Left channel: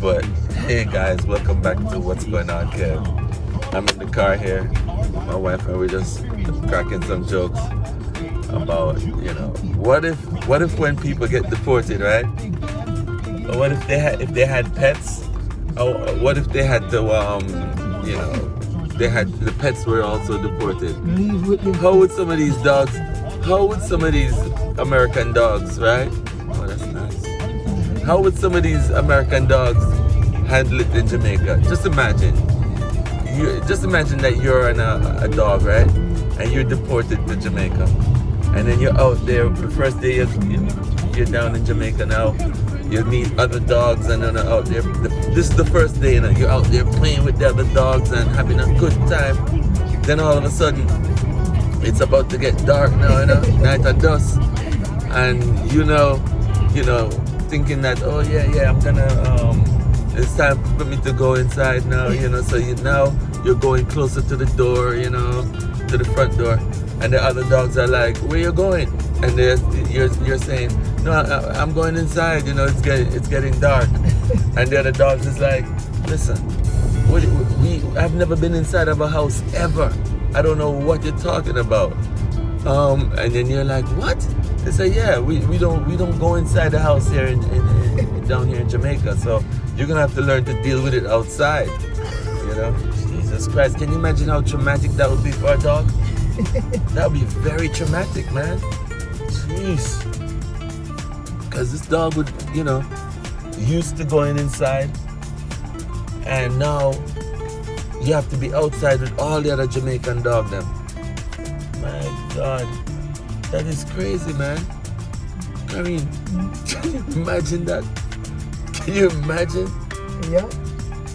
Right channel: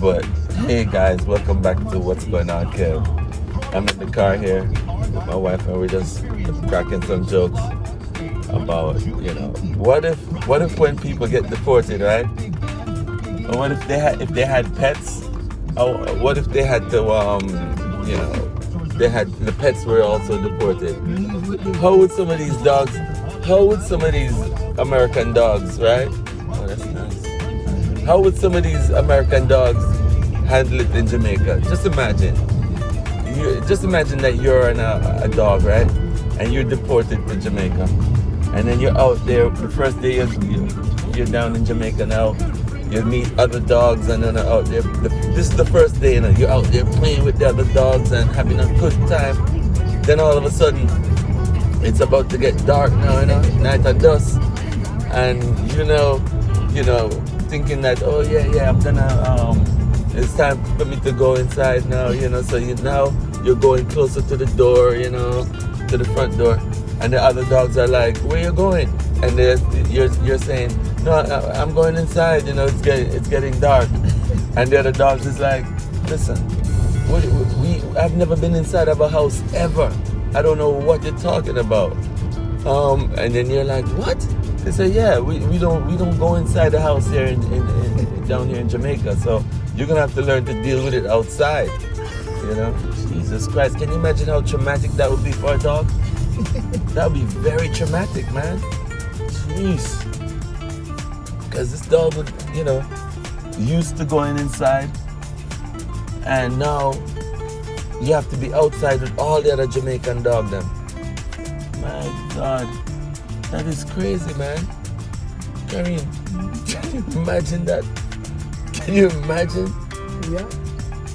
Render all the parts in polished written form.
But hey guys, welcome back to What's Going On, Kev. I'm in the car here with my wife and we're just cracking some jokes about, what if when people get deported, right? Or what if they had pets? Or what if they had to the pets were also deported? How would some of these American dogs, right? Oh, that's nice. How would some of these American dogs handle it in Jamaica? Just imagine that you're a dog, right? And you're deported to Jamaica. And then you're out there, the first day you're down in Jamaica now, you meet other dogs and then out there. This is the first day, you're out there playing with the other dogs and having a good time. Then all of a sudden, it's about to get dark now, night and dusk. And thinking that, oh yeah, I'm gonna, it's time for me to go inside now, so now you're going closer to the door, to the front door. And the other dogs are like, where you going? And you're saying, no, I'm going inside, it's getting dark. And the other dogs is like, listen, I've never been inside of a house ever. I don't know what you're talking about. And then you're like, what? They say, yeah, we don't go inside the house here down here in Jamaica. So you're gonna have to learn to deal with it outside. Jesus Christ, can you imagine how traumatic that would be for a dog? That would be very traumatic, man. Jeez. Because this dog would, used to going inside, and now you have to be outside with all the other Jamaican dogs. My God, that is crazy, man. I mean, imagine that. Can you imagine? Yeah.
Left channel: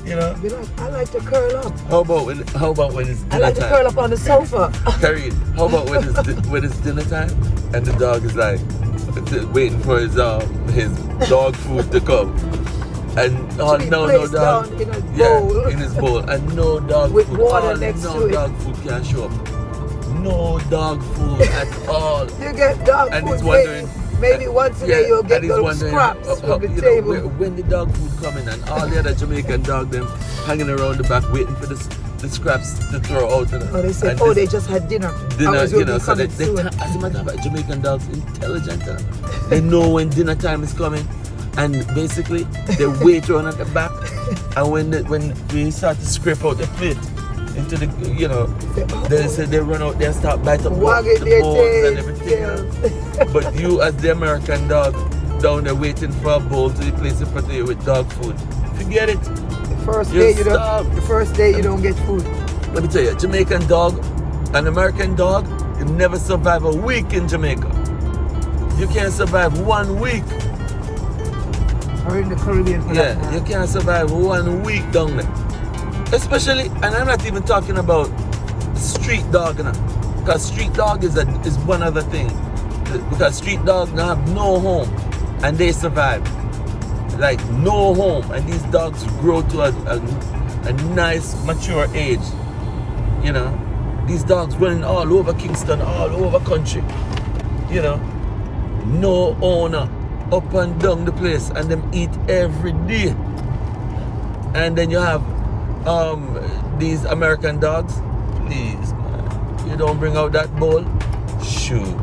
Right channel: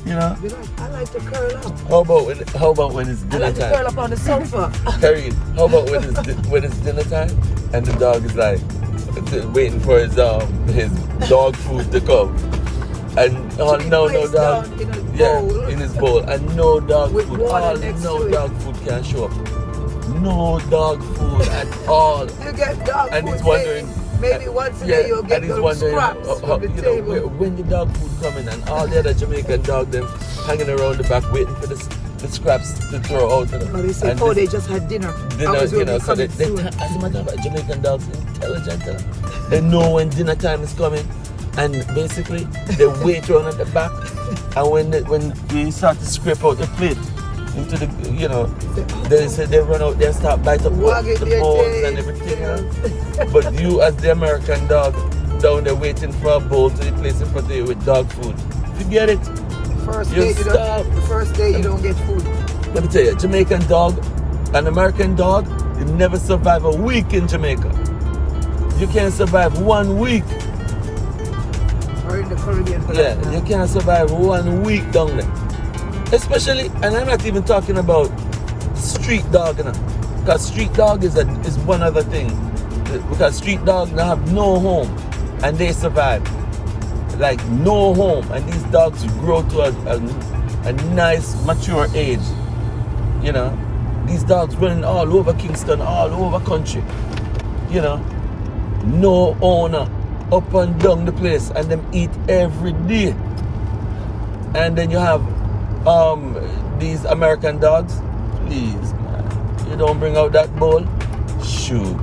I like to curl up. How about when it's dinner time? I like to curl up on the sofa. Karine, how about when it's dinner time and the dog is like waiting for his dog food to come, and no dog, in his bowl, and no dog with food, no dog food can show up, no dog food at all. You get dog and food. he's wondering. Maybe once a day you'll get those scraps from the table. When the dog food coming and all the other Jamaican dogs them hanging around the back waiting for the scraps to throw out. They say, they just had dinner. So as a matter of fact, Jamaican dogs intelligent. They know when dinner time is coming, and basically they wait around at the back, and when they start to scrape out the plate into the, they say they run out there and start bite up the bones and everything, But you as the American dog down there waiting for a bowl to be placed in front of you with dog food. Forget it. The First day you don't get food. Let me tell you, Jamaican dog, an American dog, you never survive a week in Jamaica. You can't survive 1 week. Or in the Caribbean. You can't survive 1 week down there. Especially, and I'm not even talking about street dog, because street dog is one other thing. Because street dogs now have no home, and they survive. Like no home, and these dogs grow to a nice mature age. These dogs running all over Kingston, all over country. No owner, up and down the place, and them eat every day. And then you have these American dogs. Please, man, you don't bring out that bowl. Shoot.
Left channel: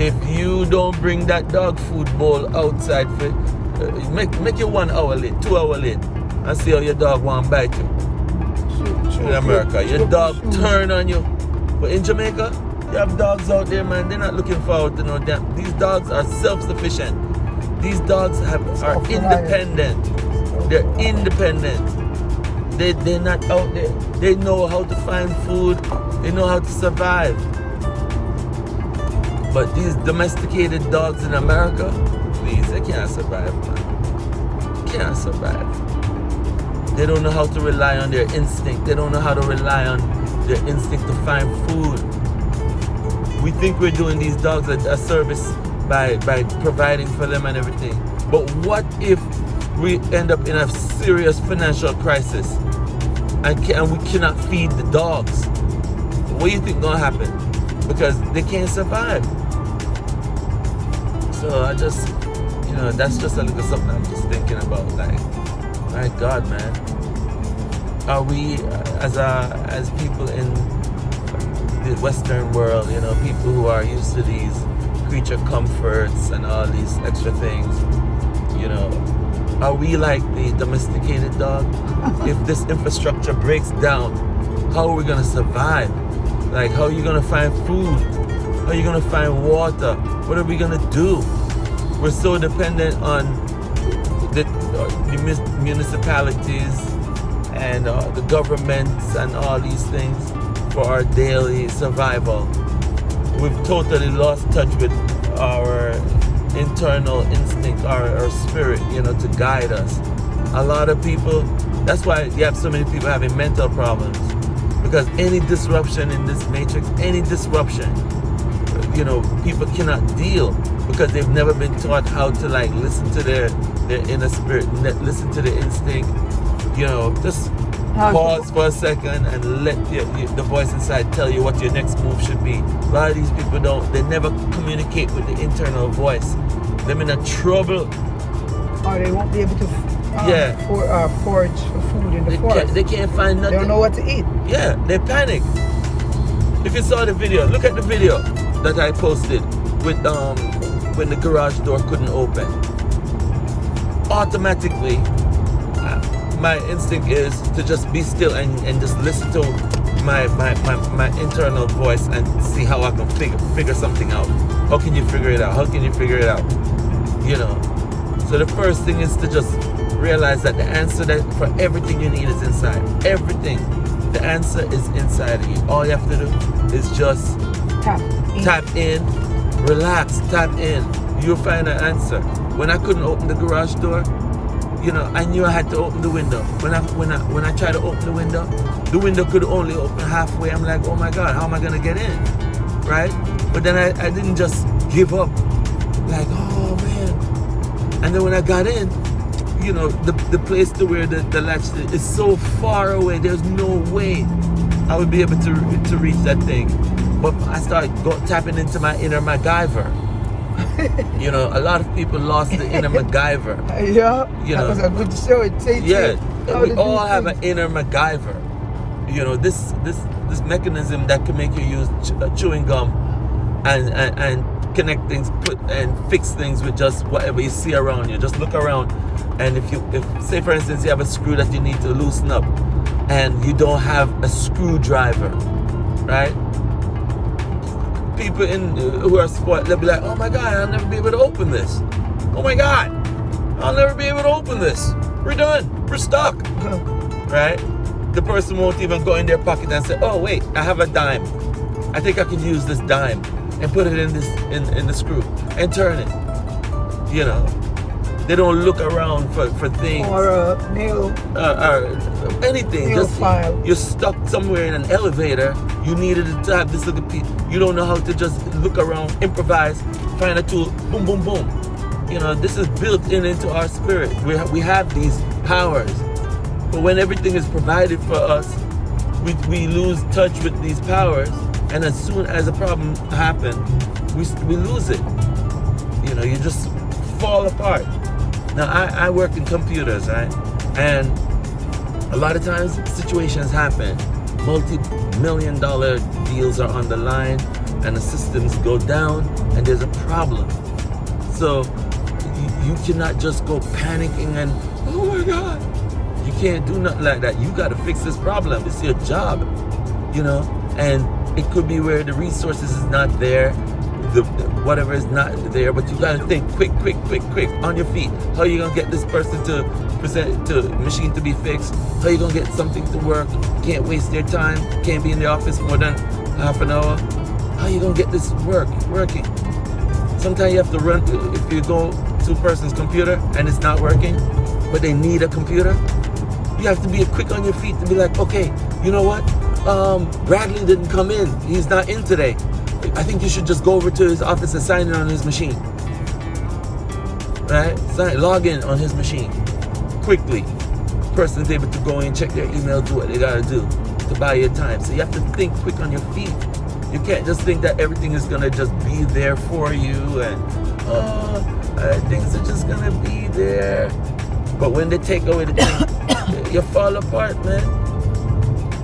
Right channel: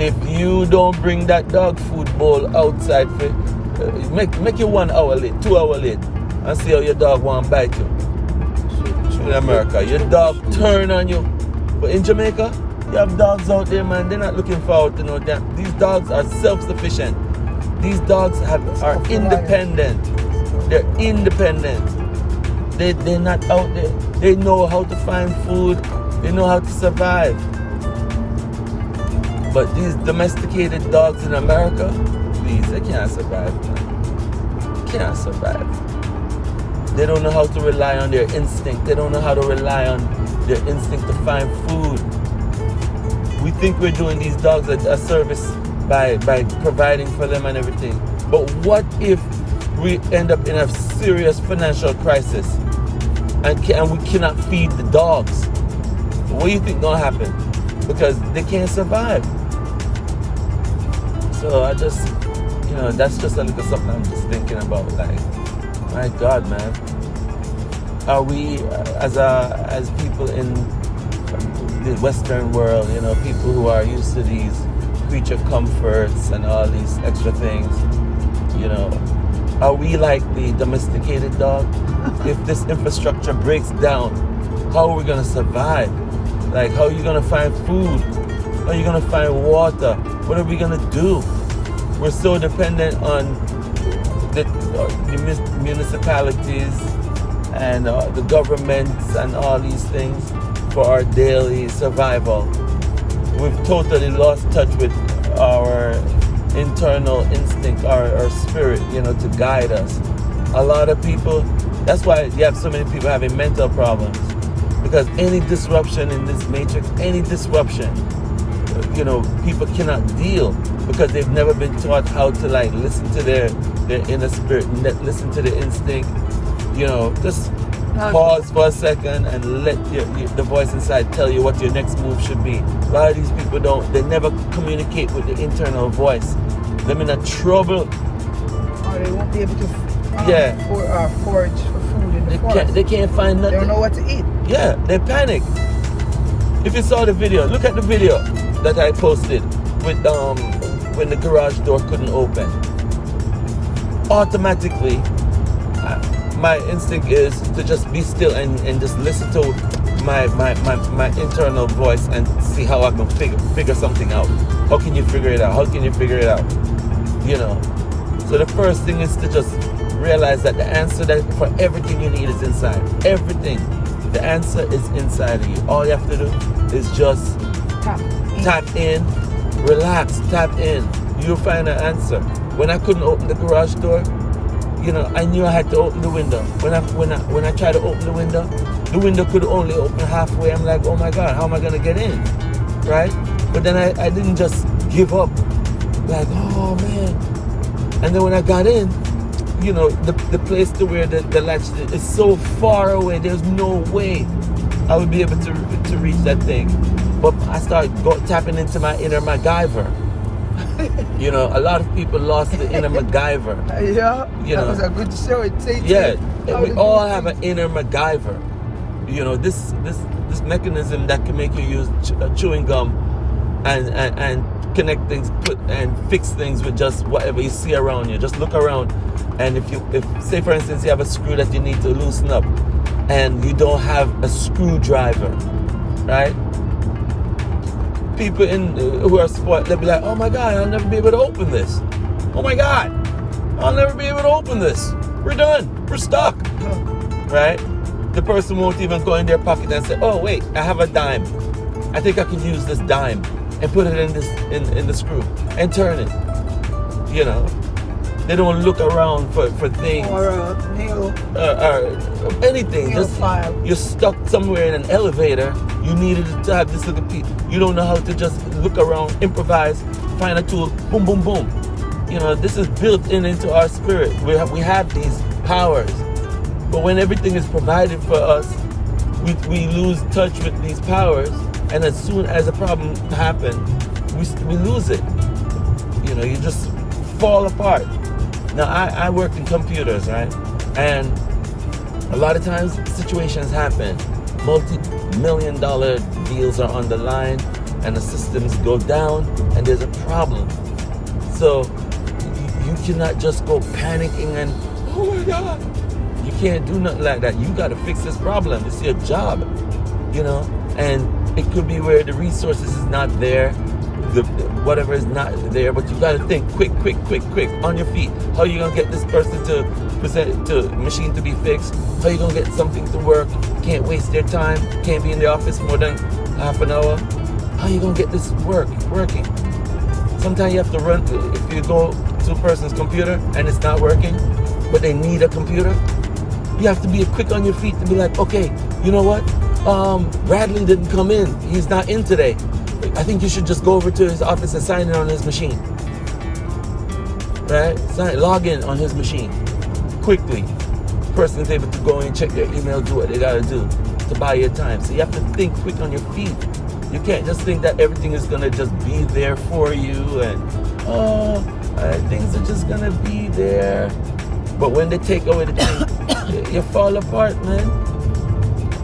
If you don't bring that dog food bowl outside, make you 1 hour late, 2 hour late, and see how your dog won't bite you. In America, your dog turn on you. But in Jamaica, you have dogs out there, man. They're not looking forward to no damn. These dogs are self-sufficient. These dogs are independent. They're independent. They're not out there. They know how to find food. They know how to survive. But these domesticated dogs in America, please, they can't survive, man. Can't survive. They don't know how to rely on their instinct. They don't know how to rely on their instinct to find food. We think we're doing these dogs a service by providing for them and everything. But what if we end up in a serious financial crisis and we cannot feed the dogs? What do you think gonna happen? Because they can't survive. So I just, know, that's just a little something I'm just thinking about. Like, my God, man, are we as people in the Western world, you know, people who are used to these creature comforts and all these extra things, you know, are we like the domesticated dog? If this infrastructure breaks down, how are we gonna survive? Like, how are you gonna find food? How are you gonna find water? What are we gonna do? We're so dependent on the municipalities and the governments and all these things for our daily survival. We've totally lost touch with our internal instinct, our spirit, you know, to guide us. A lot of people, that's why you have so many people having mental problems, because any disruption in this matrix, any disruption, you know, people cannot deal because they've never been taught how to like listen to their inner spirit, listen to the instinct, you know, just pause for a second and let the voice inside tell you what your next move should be. A lot of these people they never communicate with the internal voice. They're in a trouble. Or they won't be able to forage for food in the forest. They can't find nothing. They don't know what to eat. Yeah, they panic. If you saw the video, look at the video that I posted with when the garage door couldn't open. Automatically, my instinct is to just be still and just listen to my internal voice and see how I can figure something out. How can you figure it out? How can you figure it out? You know. So the first thing is to just realize that the answer for everything you need is inside. Everything. The answer is inside of you. All you have to do is just tap in, relax, tap in. You'll find an answer. When I couldn't open the garage door, you know, I knew I had to open the window. When I tried to open the window could only open halfway. I'm like, oh my God, how am I gonna get in? Right? But then I didn't just give up. Like, oh man. And then when I got in, you know, the place to where the latch is so far away, there's no way I would be able to reach that thing. But I started tapping into my inner MacGyver. You know, a lot of people lost the inner MacGyver. Yeah, you know, that was a good show. We all have an inner MacGyver. You know, this mechanism that can make you use chewing gum and connect things, and fix things with just whatever you see around you. Just look around, and if say for instance you have a screw that you need to loosen up, and you don't have a screwdriver, right? People who are spoiled, they'll be like, oh my God, I'll never be able to open this. Oh my God, I'll never be able to open this. We're done. We're stuck. Right? The person won't even go in their pocket and say, oh wait, I have a dime. I think I can use this dime and put it in the screw and turn it. You know, they don't look around for things or a nail or anything. Nail just file. You're stuck somewhere in an elevator. You needed to have this little piece. You don't know how to just look around, improvise, find a tool, boom, boom, boom. You know, this is built into our spirit. We have these powers, but when everything is provided for us, we lose touch with these powers, and as soon as a problem happens, we lose it. You know, you just fall apart. Now, I work in computers, right? And a lot of times situations happen. Multi-million-dollar deals are on the line, and the systems go down, and there's a problem. So you cannot just go panicking and, oh my God. You can't do nothing like that. You got to fix this problem. It's your job, you know? And it could be where the resources is not there, whatever is not there, but you got to think quick, on your feet. How you going to get this person to present to machine to be fixed? How you going to get something to work? Can't waste their time. Can't be in the office more than half an hour. How you going to get this working? Sometimes you have to run. If you go to a person's computer and it's not working, but they need a computer, you have to be quick on your feet to be like, okay, you know what? Bradley didn't come in. He's not in today. I think you should just go over to his office and sign in on his machine. Right? Log in on his machine. Quickly. Person's able to go in, check their email, do what they gotta do to buy your time. So you have to think quick on your feet. You can't just think that everything is gonna just be there for you and things are just gonna be there. But when they take away the thing, you fall apart, man.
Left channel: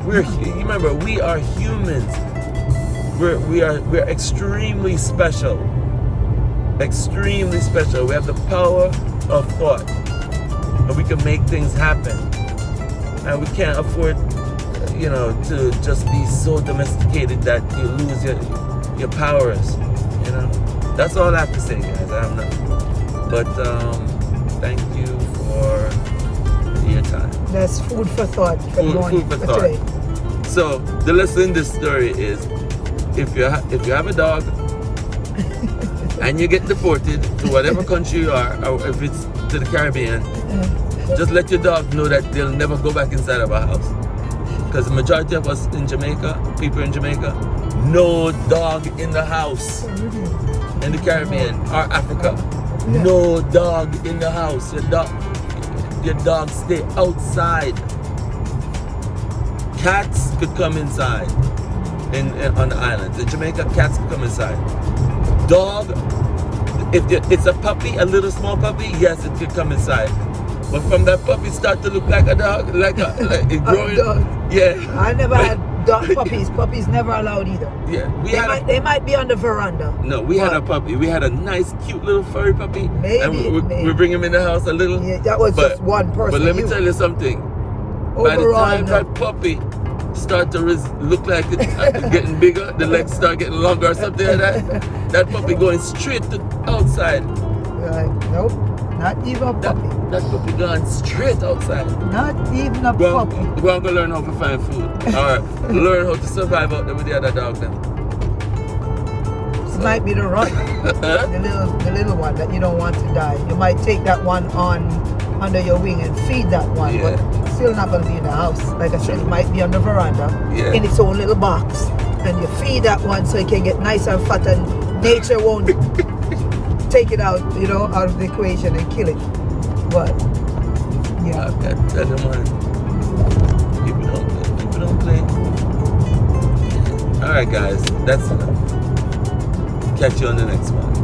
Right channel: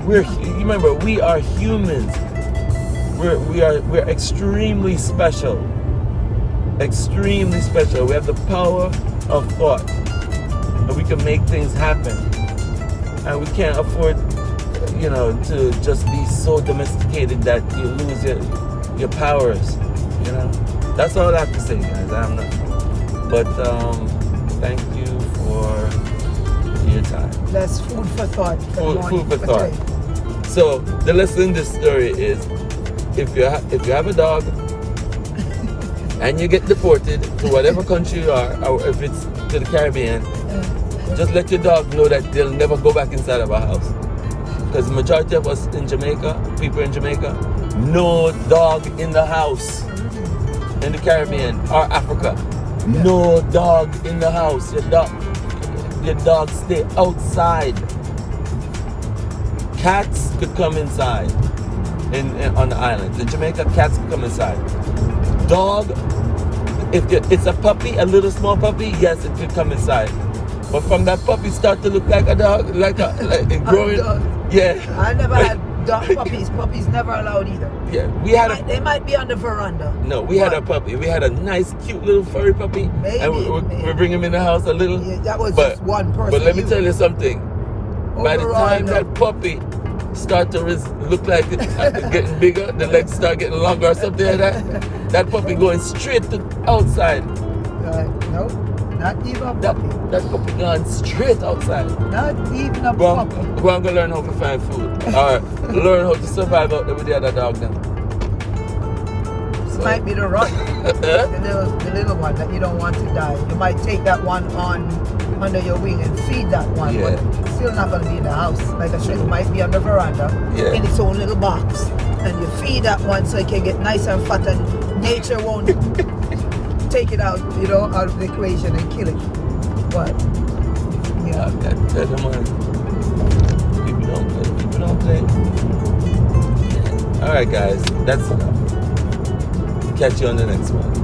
Remember, we are humans. We're extremely special. Extremely special. We have the power of thought, and we can make things happen. And we can't afford, to just be so domesticated that you lose your powers. That's all I have to say, guys. I'm not. But thank you for your time. That's food for thought. Food for thought. Today. So the lesson in this story is, if you have a dog and you get deported to whatever country you are, or if it's to the Caribbean, just let your dog know that they'll never go back inside of our house. Because the majority of us in Jamaica, people in Jamaica, no dog in the house. In the Caribbean or Africa, no dog in the house. Your dog stay outside. Cats could come inside on the islands. In Jamaica, cats could come inside. Dog, if it's a puppy, a little small puppy, yes, it could come inside. But from that puppy start to look like a dog, like it growing. Yeah. I never had dog puppies. Puppies never allowed either. Yeah, they might be on the veranda. No, we had a puppy. We had a nice, cute little furry puppy. Maybe. And we bring him in the house a little. Yeah, that was just one person. But let me tell you something. By the time that puppy start to look like it's getting bigger, the legs start getting longer or something like that, that puppy going straight to outside. Nope, not even a puppy. That puppy gone straight outside. Not even a puppy. Go and go learn how to find food. Or learn how to survive out there with the other dog then. It might be the run. the little one that you don't want to die. You might take that one on under your wing and feed that one. Yeah. But still not going to be in the house. Like I said, it might be on the veranda in its own little box. And you feed that one so it can get nice and fat, and nature won't take it out, out of the equation and kill it. But, I tell them, people don't play. Alright guys, that's enough. Catch you on the next one.